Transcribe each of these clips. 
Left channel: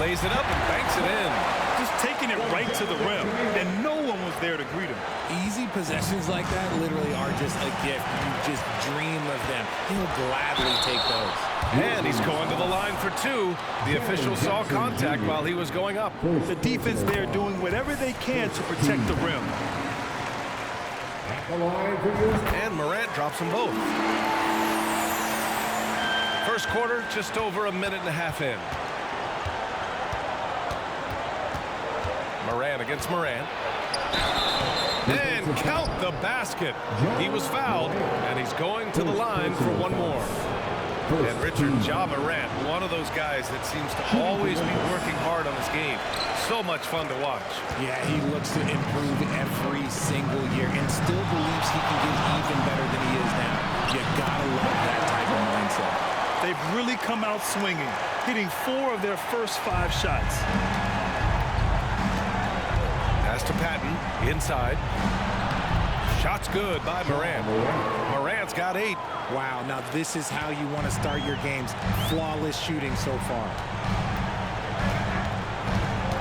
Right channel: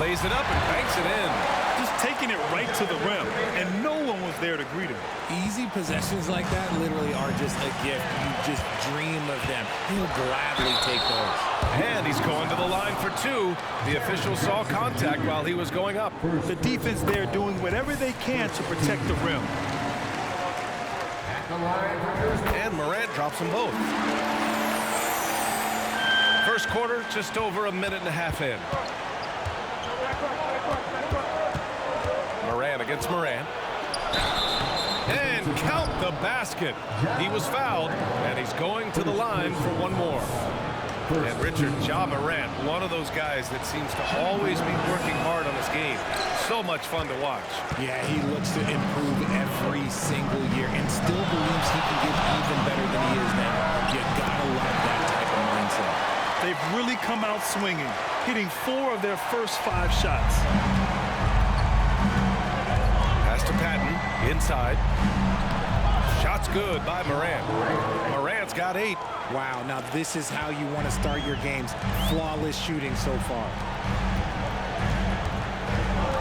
Lays it up and banks it in. Just taking it right to the rim, and no one was there to greet him. Easy possessions like that literally are just a gift. You just dream of them. He'll gladly take those. And he's going to the line for two. The official saw contact while he was going up. The defense there doing whatever they can to protect the rim. And Morant drops them both. First quarter, just over a minute and a half in. Morant against Morant. And count the basket. He was fouled, and he's going to the line for one more. And Richard, Ja Morant, one of those guys that seems to always be working hard on his game. So much fun to watch. Yeah, he looks to improve every single year and still believes he can get even better than he is now. You gotta love that type of mindset. They've really come out swinging, hitting 4 of their first 5 shots. Pass to Patton, inside. Shot's good by Morant. Morant's got 8. Wow, now this is how you want to start your games. Flawless shooting so far.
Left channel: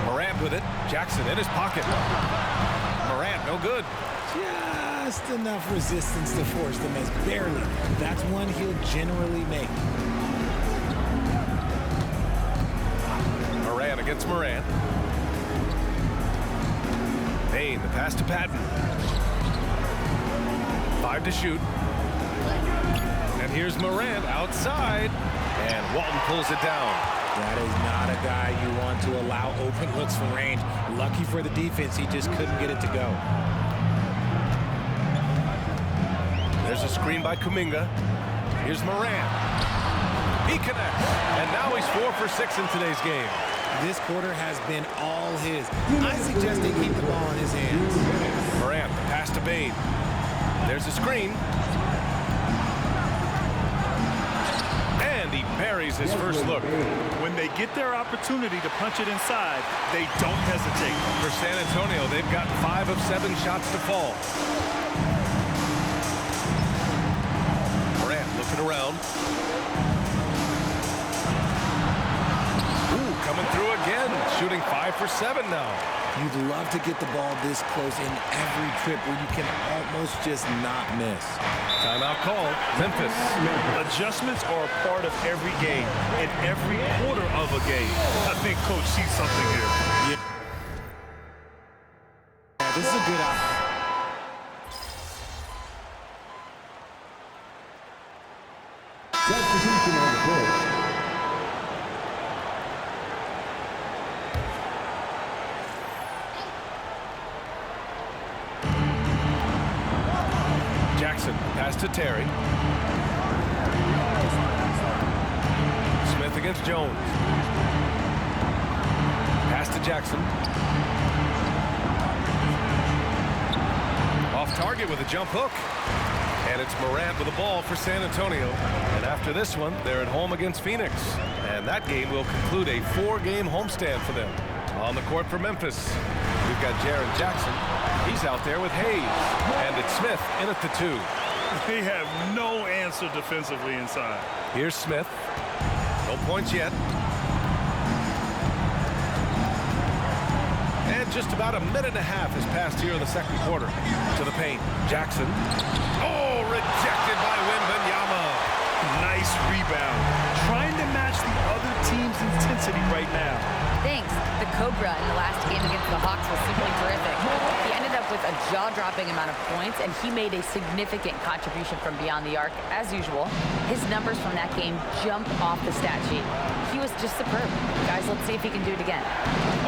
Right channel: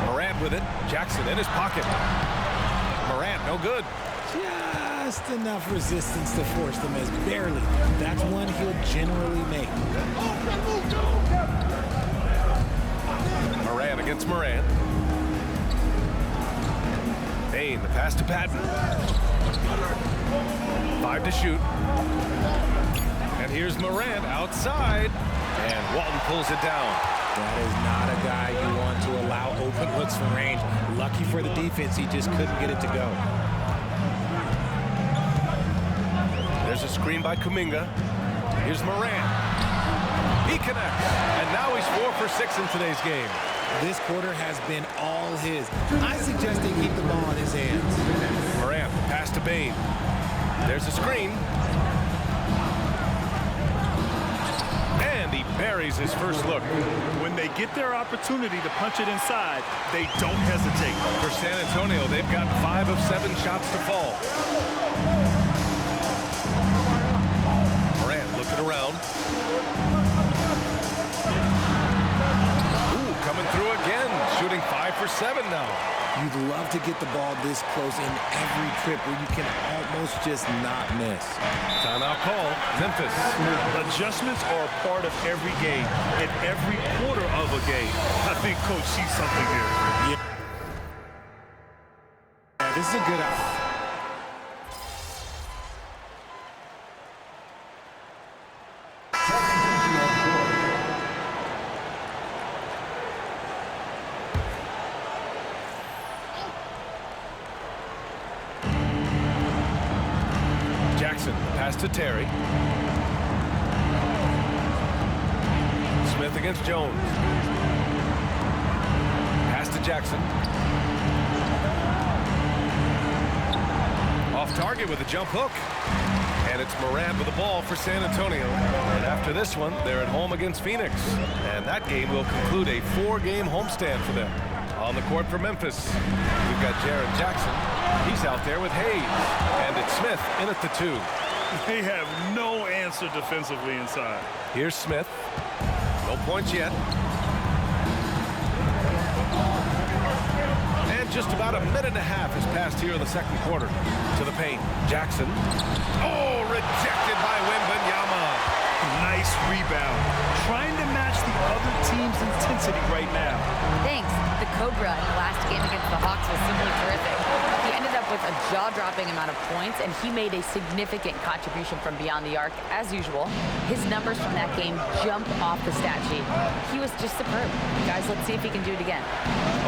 Morant with it. Jackson in his pocket. Morant, no good. Just enough resistance to force the miss. Barely. That's one he'll generally make. Morant against Morant. Bain, the pass to Patton. 5 to shoot. And here's Morant outside. And Walton pulls it down. That is not a guy you want to allow open looks from range. Lucky for the defense, he just couldn't get it to go. There's a screen by Kuminga. Here's Morant. He connects. And now he's 4 for 6 in today's game. This quarter has been all his. I suggest they keep the ball in his hands. Morant, the pass to Bain. There's a screen. And he buries his first look. When they get their opportunity to punch it inside, they don't hesitate. For San Antonio, they've got 5 of 7 shots to fall. Morant looking around. Ooh, coming through again. Shooting 5 for 7 now. You'd love to get the ball this close in every trip where you can almost just not miss. Timeout call, Memphis. Adjustments are a part of every game and every quarter of a game. I think Coach sees something here. Yeah, this is a good option. Jackson, pass to Terry. Smith against Jones. Pass to Jackson. Off target with a jump hook. And it's Morant with the ball for San Antonio. And after this one, they're at home against Phoenix. And that game will conclude a 4-game homestand for them. On the court for Memphis, we've got Jaren Jackson. He's out there with Hayes. And it's Smith in at the 2. They have no answer defensively inside. Here's Smith. No points yet. And just about a minute and a half has passed here in the second quarter. To the paint. Jackson. Oh, rejected by Wembanyama. Nice rebound. Trying to match the other team's intensity right now. Thanks. The Cobra in the last game against the Hawks was simply terrific. He ended up with a jaw-dropping amount of points, and he made a significant contribution from beyond the arc, as usual. His numbers from that game jump off the stat sheet. He was just superb. Guys, let's see if he can do it again.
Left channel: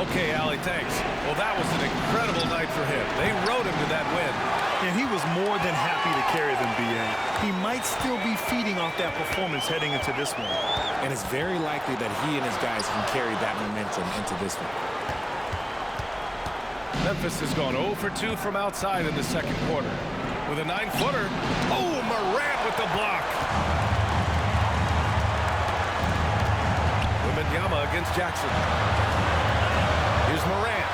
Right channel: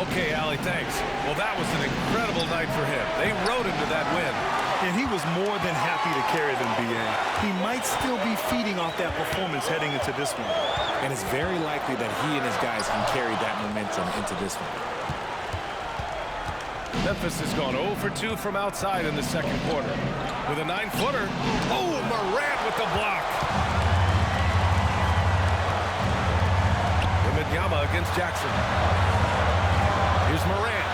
Okay, Allie, thanks. Well, that was an incredible night for him. They rode him to that win. And he was more than happy to carry them, B.A. He might still be feeding off that performance heading into this one. And it's very likely that he and his guys can carry that momentum into this one. Memphis has gone 0 for 2 from outside in the second quarter. With a 9-footer. Oh, Morant with the block. Wembanyama against Jackson. Here's Morant.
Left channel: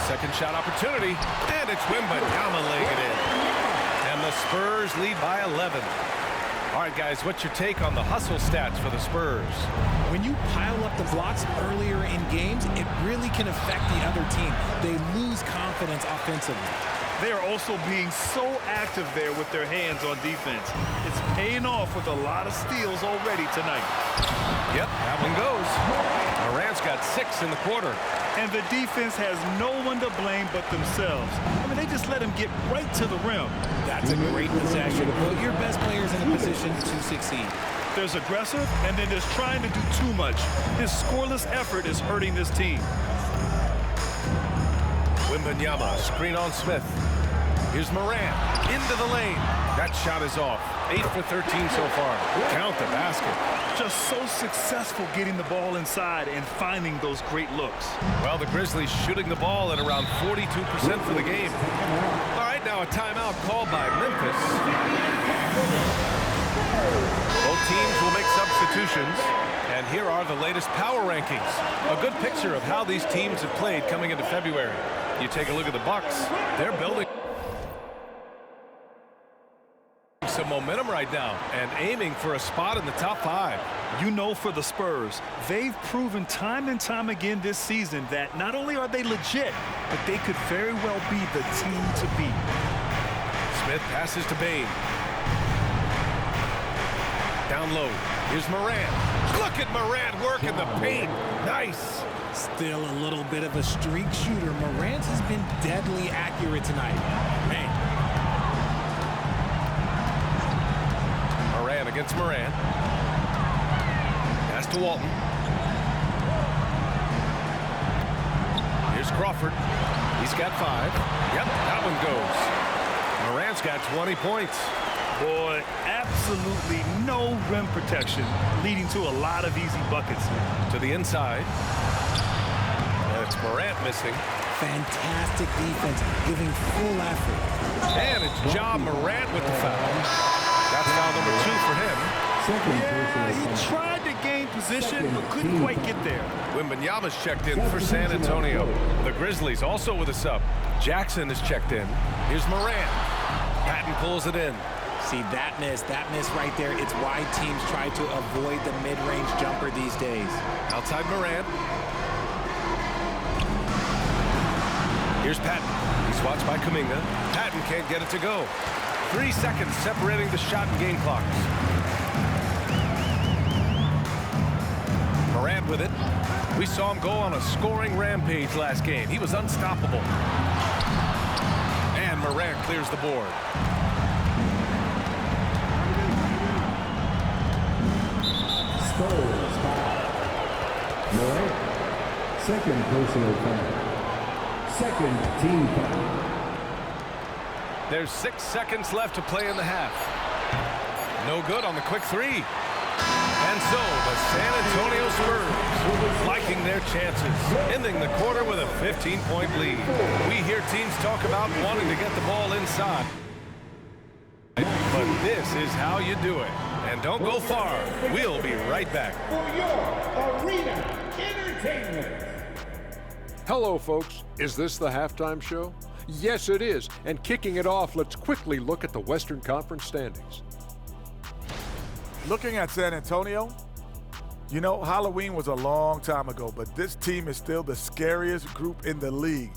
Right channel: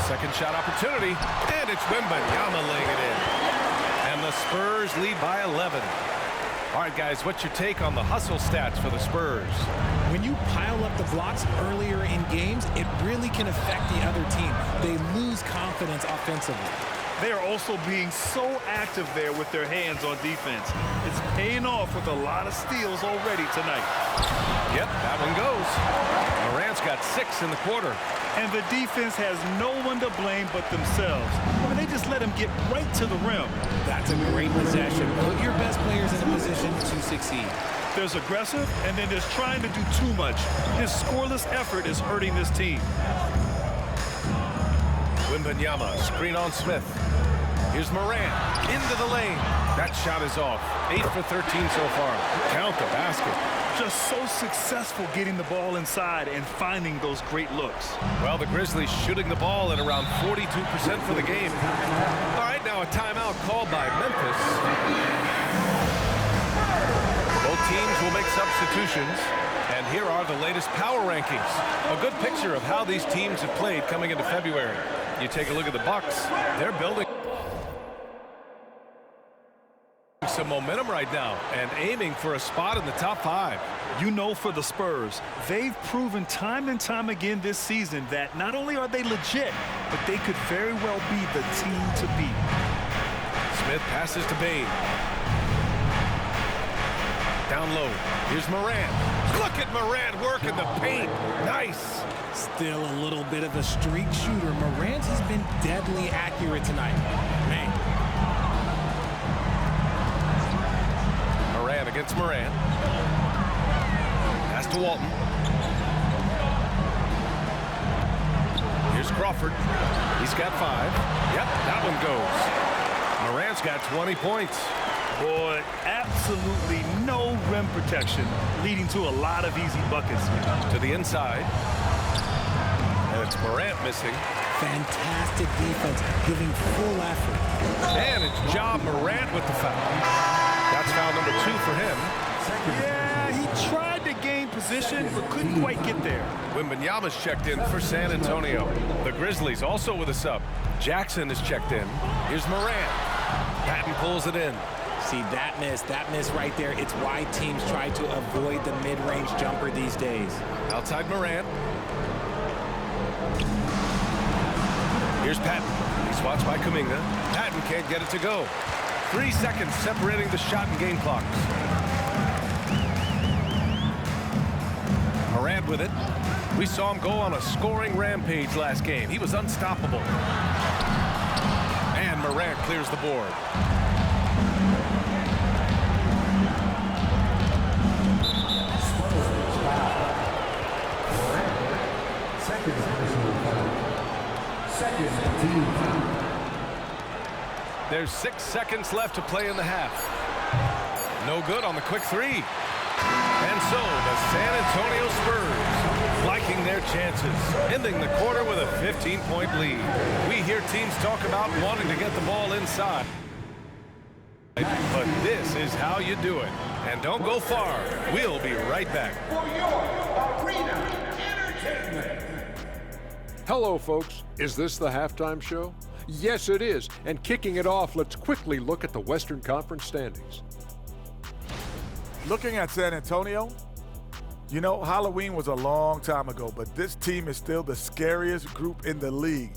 Second shot opportunity. And it's Wembanyama laying it in. And the Spurs lead by 11. All right, guys, what's your take on the hustle stats for the Spurs? When you pile up the blocks earlier in games, it really can affect the other team. They lose confidence offensively. They are also being so active there with their hands on defense. It's paying off with a lot of steals already tonight. Yep, that one goes. Morant's got 6 in the quarter. And the defense has no one to blame but themselves. I mean, they just let him get right to the rim. That's a great possession. Put your best players in a position to succeed. There's aggressive, and then there's trying to do too much. His scoreless effort is hurting this team. Wembanyama, screen on Smith. Here's Morant, into the lane. That shot is off. 8 for 13 so far. Count the basket. Just so successful getting the ball inside and finding those great looks. Well, the Grizzlies shooting the ball at around 42% for the game. All right, now a timeout called by Memphis. Both teams will make substitutions. And here are the latest power rankings. A good picture of how these teams have played coming into February. You take a look at the Bucks. They're building some momentum right now and aiming for a spot in the top 5. You know, for the Spurs, they've proven time and time again this season that not only are they legit, but they could very well be the team to beat. Smith passes to Bane. Down low. Here's Morant. Look at Morant work in the paint. Nice. Still a little bit of a streak shooter. Morant has been deadly accurate tonight. Man. Morant against Morant. Pass to Walton. Here's Crawford. He's got 5. Yep, that one goes. Morant's got 20 points. Boy, absolutely no rim protection, leading to a lot of easy buckets here. To the inside. And it's Morant missing. Fantastic defense, giving full effort. And it's Ja Morant with the foul. That's foul number 2 for him. Yeah, he tried to gain position, but couldn't quite get there. Wembanyama's checked in for San Antonio. The Grizzlies also with a sub. Jackson is checked in. Here's Morant. Patton pulls it in. See, that miss right there. It's why teams try to avoid the mid-range jumper these days. Outside Morant. Here's Patton. He's watched by Kuminga. Patton can't get it to go. 3 seconds separating the shot and game clocks. Morant with it. We saw him go on a scoring rampage last game. He was unstoppable. And Morant clears the board. Spurs foul. Morant, second personal foul. Second team foul. There's 6 seconds left to play in the half. No good on the quick 3. And so the San Antonio Spurs liking their chances, ending the quarter with a 15-point lead. We hear teams talk about wanting to get the ball inside. But this is how you do it. And don't go far. We'll be right back. For your arena entertainment. Hello, folks. Is this the halftime show? Yes, it is. And kicking it off, let's quickly look at the Western Conference standings. Looking at San Antonio, you know, Halloween was a long time ago, but this team is still the scariest group in the league.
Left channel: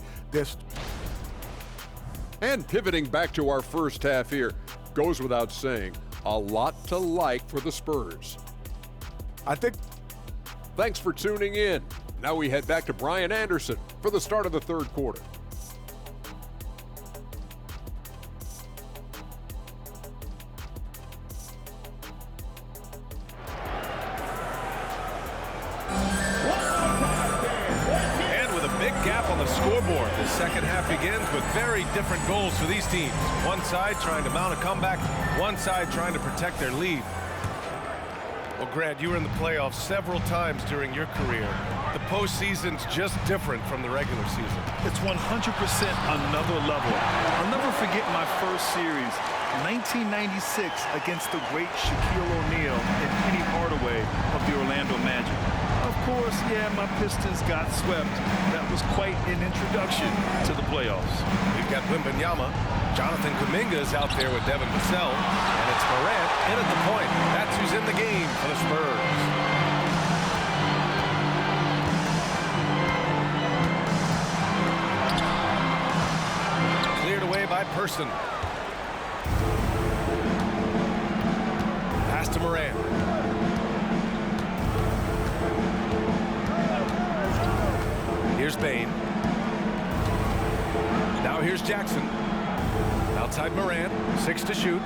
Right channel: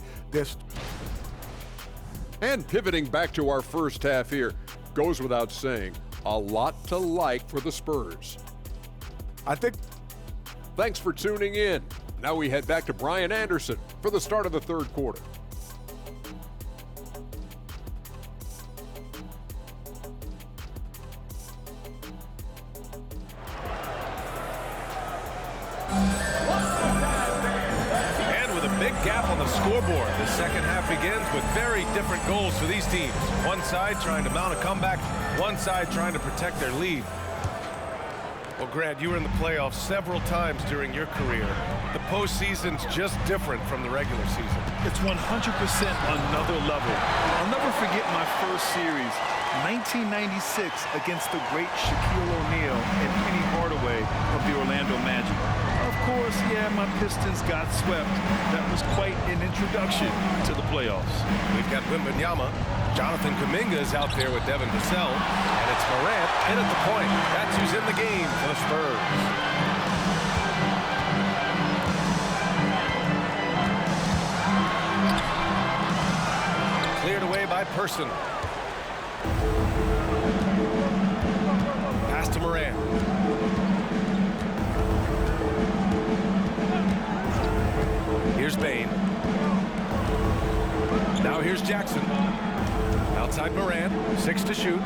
And pivoting back to our first half here, goes without saying, a lot to like for the Spurs. I think. Thanks for tuning in. Now we head back to Brian Anderson for the start of the third quarter. Gap on the scoreboard. The second half begins with very different goals for these teams. One side trying to mount a comeback, one side trying to protect their lead. Well, Grant, you were in the playoffs several times during your career. The postseason's just different from the regular season. It's 100% another level. I'll never forget my first series, 1996, against the great Shaquille O'Neal and Penny Hardaway of the Orlando Magic. Of course, yeah, my Pistons got swept. That was quite an introduction to the playoffs. We've got Wembanyama. Jonathan Kuminga is out there with Devin Vassell, and it's Morant in at the point. That's who's in the game for the Spurs. Cleared away by Person. Pass to Morant. Here's Bane. Now here's Jackson. Outside Morant, 6 to shoot.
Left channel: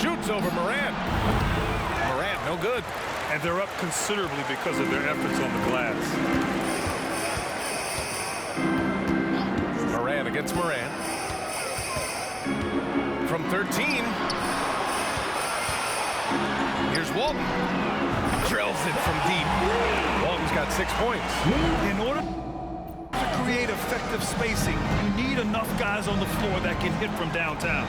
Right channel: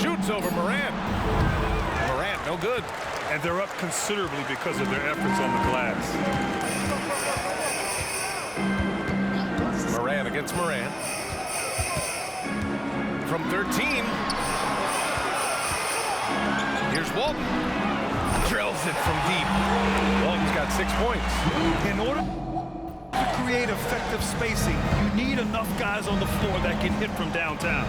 Shoots over Morant. Morant, no good. And they're up considerably because of their efforts on the glass. Morant against Morant. From 13. Here's Walton. Drills it from deep. Walton's got 6 points. In order to create effective spacing, you need enough guys on the floor that can hit from downtown.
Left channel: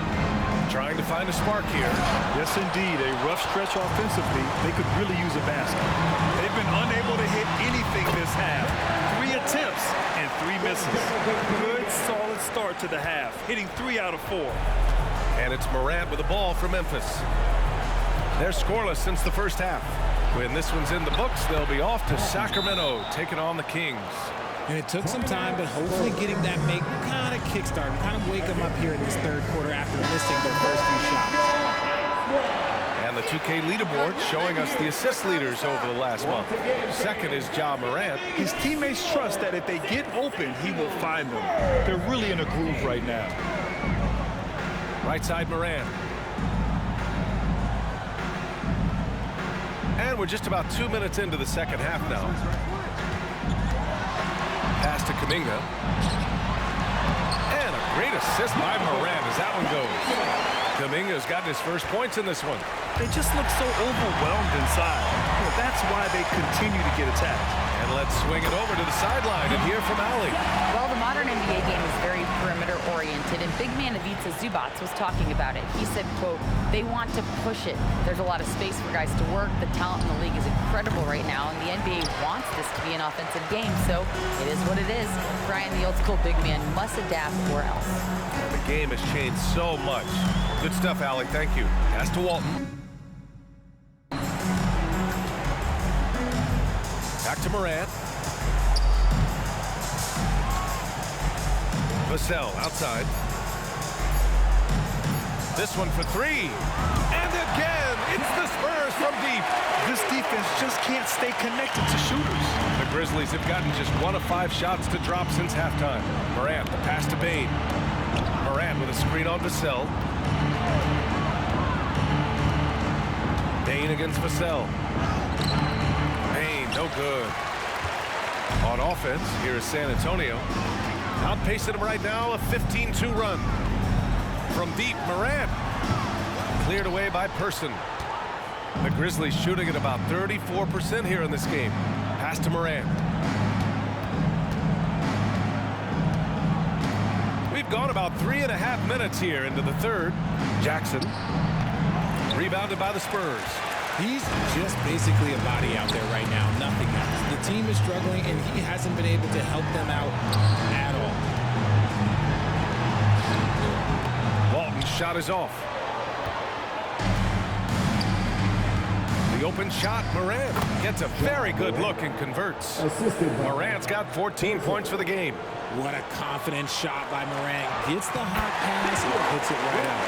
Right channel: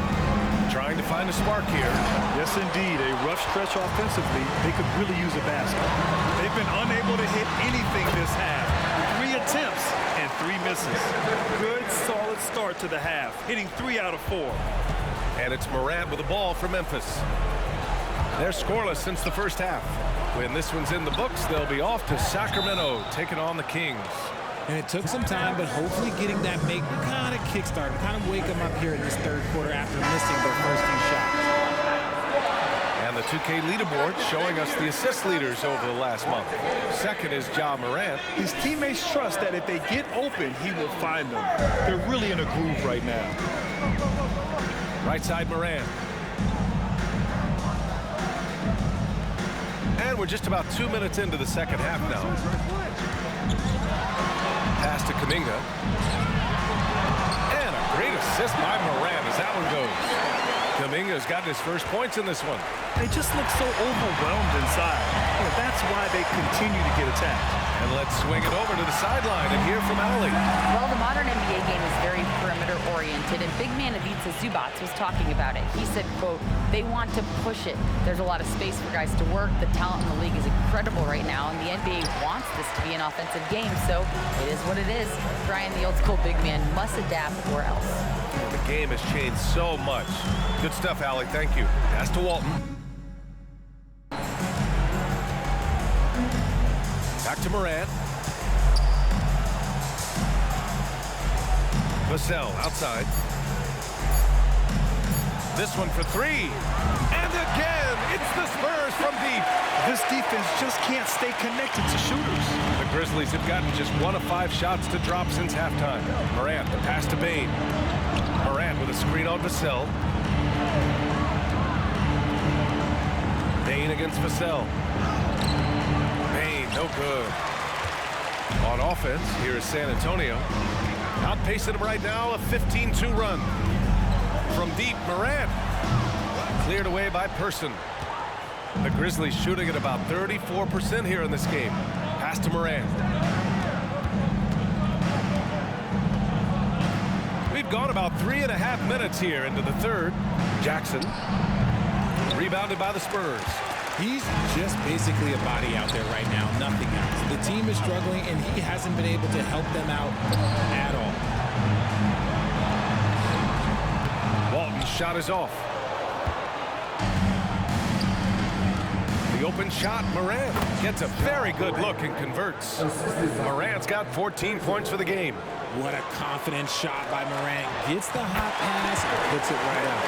Trying to find a spark here. Yes, indeed. A rough stretch offensively. They could really use a basket. They've been unable to hit anything this half. 3 attempts and 3 misses. Good, solid start to the half, hitting 3 out of 4. And it's Morant with the ball for Memphis. They're scoreless since the first half. When this one's in the books, they'll be off to Sacramento, taking on the Kings. And it took some time, but hopefully getting that make kind of kickstart them, kind of wake them up here in this third quarter after missing their first few shots. And the 2K leaderboard showing us the assist leaders over the last month. Second is Ja Morant. His teammates trust that if they get open, he will find them. They're really in a groove right now. Right side Morant. And we're just about 2 minutes into the second half now. Pass to Kuminga. And a great assist by Morant as that one goes. Kuminga's gotten his first points in this one. They just look so overwhelmed inside. That's why they continue to get attacked. And let's swing it over to the sideline and hear from Ali. Well, the modern NBA game is very perimeter-oriented, and big man Ivica Zubac was talking about it. He said, quote, they want to push it. There's a lot of space for guys to work. The talent in the league is incredible right now, and the NBA wants this to be an offensive game, so it is what it is. Brian, the old-school big man, must adapt or else. And the game has changed so much. Good stuff, Ali. Thank you. Pass to Walton. Back to Morant. Vassell outside. This one for 3. And again, it's the Spurs from deep. This defense just can't stay connected to shooters. The Grizzlies have gotten just 1 of 5 shots to drop since halftime. Morant, the pass to Bane. Morant with a screen on Vassell. Bane against Vassell. Bane, no good. On offense, here is San Antonio. Outpacing them right now, a 15-2 run. From deep, Morant. Cleared away by Person. The Grizzlies shooting at about 34% here in this game. Pass to Morant. We've gone about 3.5 minutes here into the third. Jackson. Rebounded by the Spurs. He's just basically a body out there right now, nothing else. The team is struggling, and he hasn't been able to help them out at all. Walton's shot is off. The open shot, Morant gets a very good look and converts. Morant's got 14 points for the game. What a confident shot by Morant. Gets the hot pass and puts it right up.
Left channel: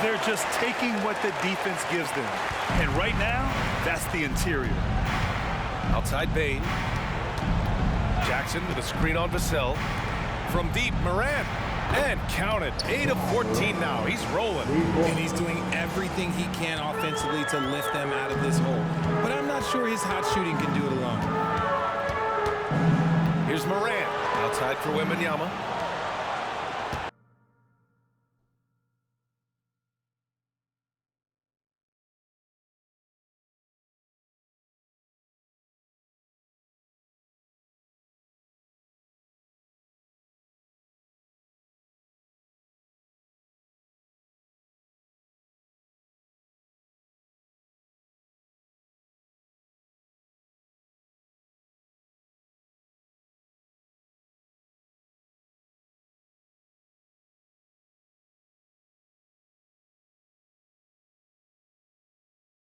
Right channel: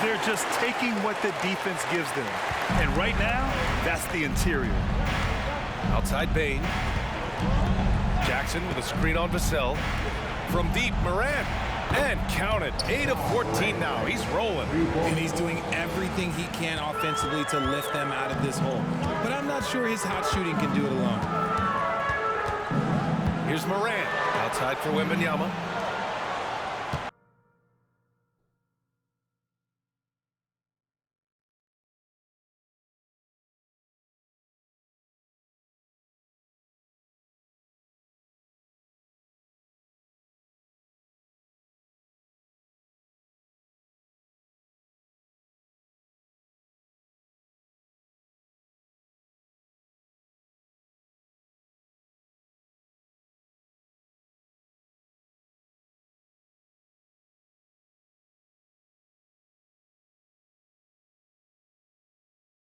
They're just taking what the defense gives them. And right now, that's the interior. Outside Bane. Jackson with a screen on Vassell. From deep, Morant. And count it. 8 of 14 now. He's rolling. And he's doing everything he can offensively to lift them out of this hole. But I'm not sure his hot shooting can do it alone. Here's Morant. Outside for Wembanyama.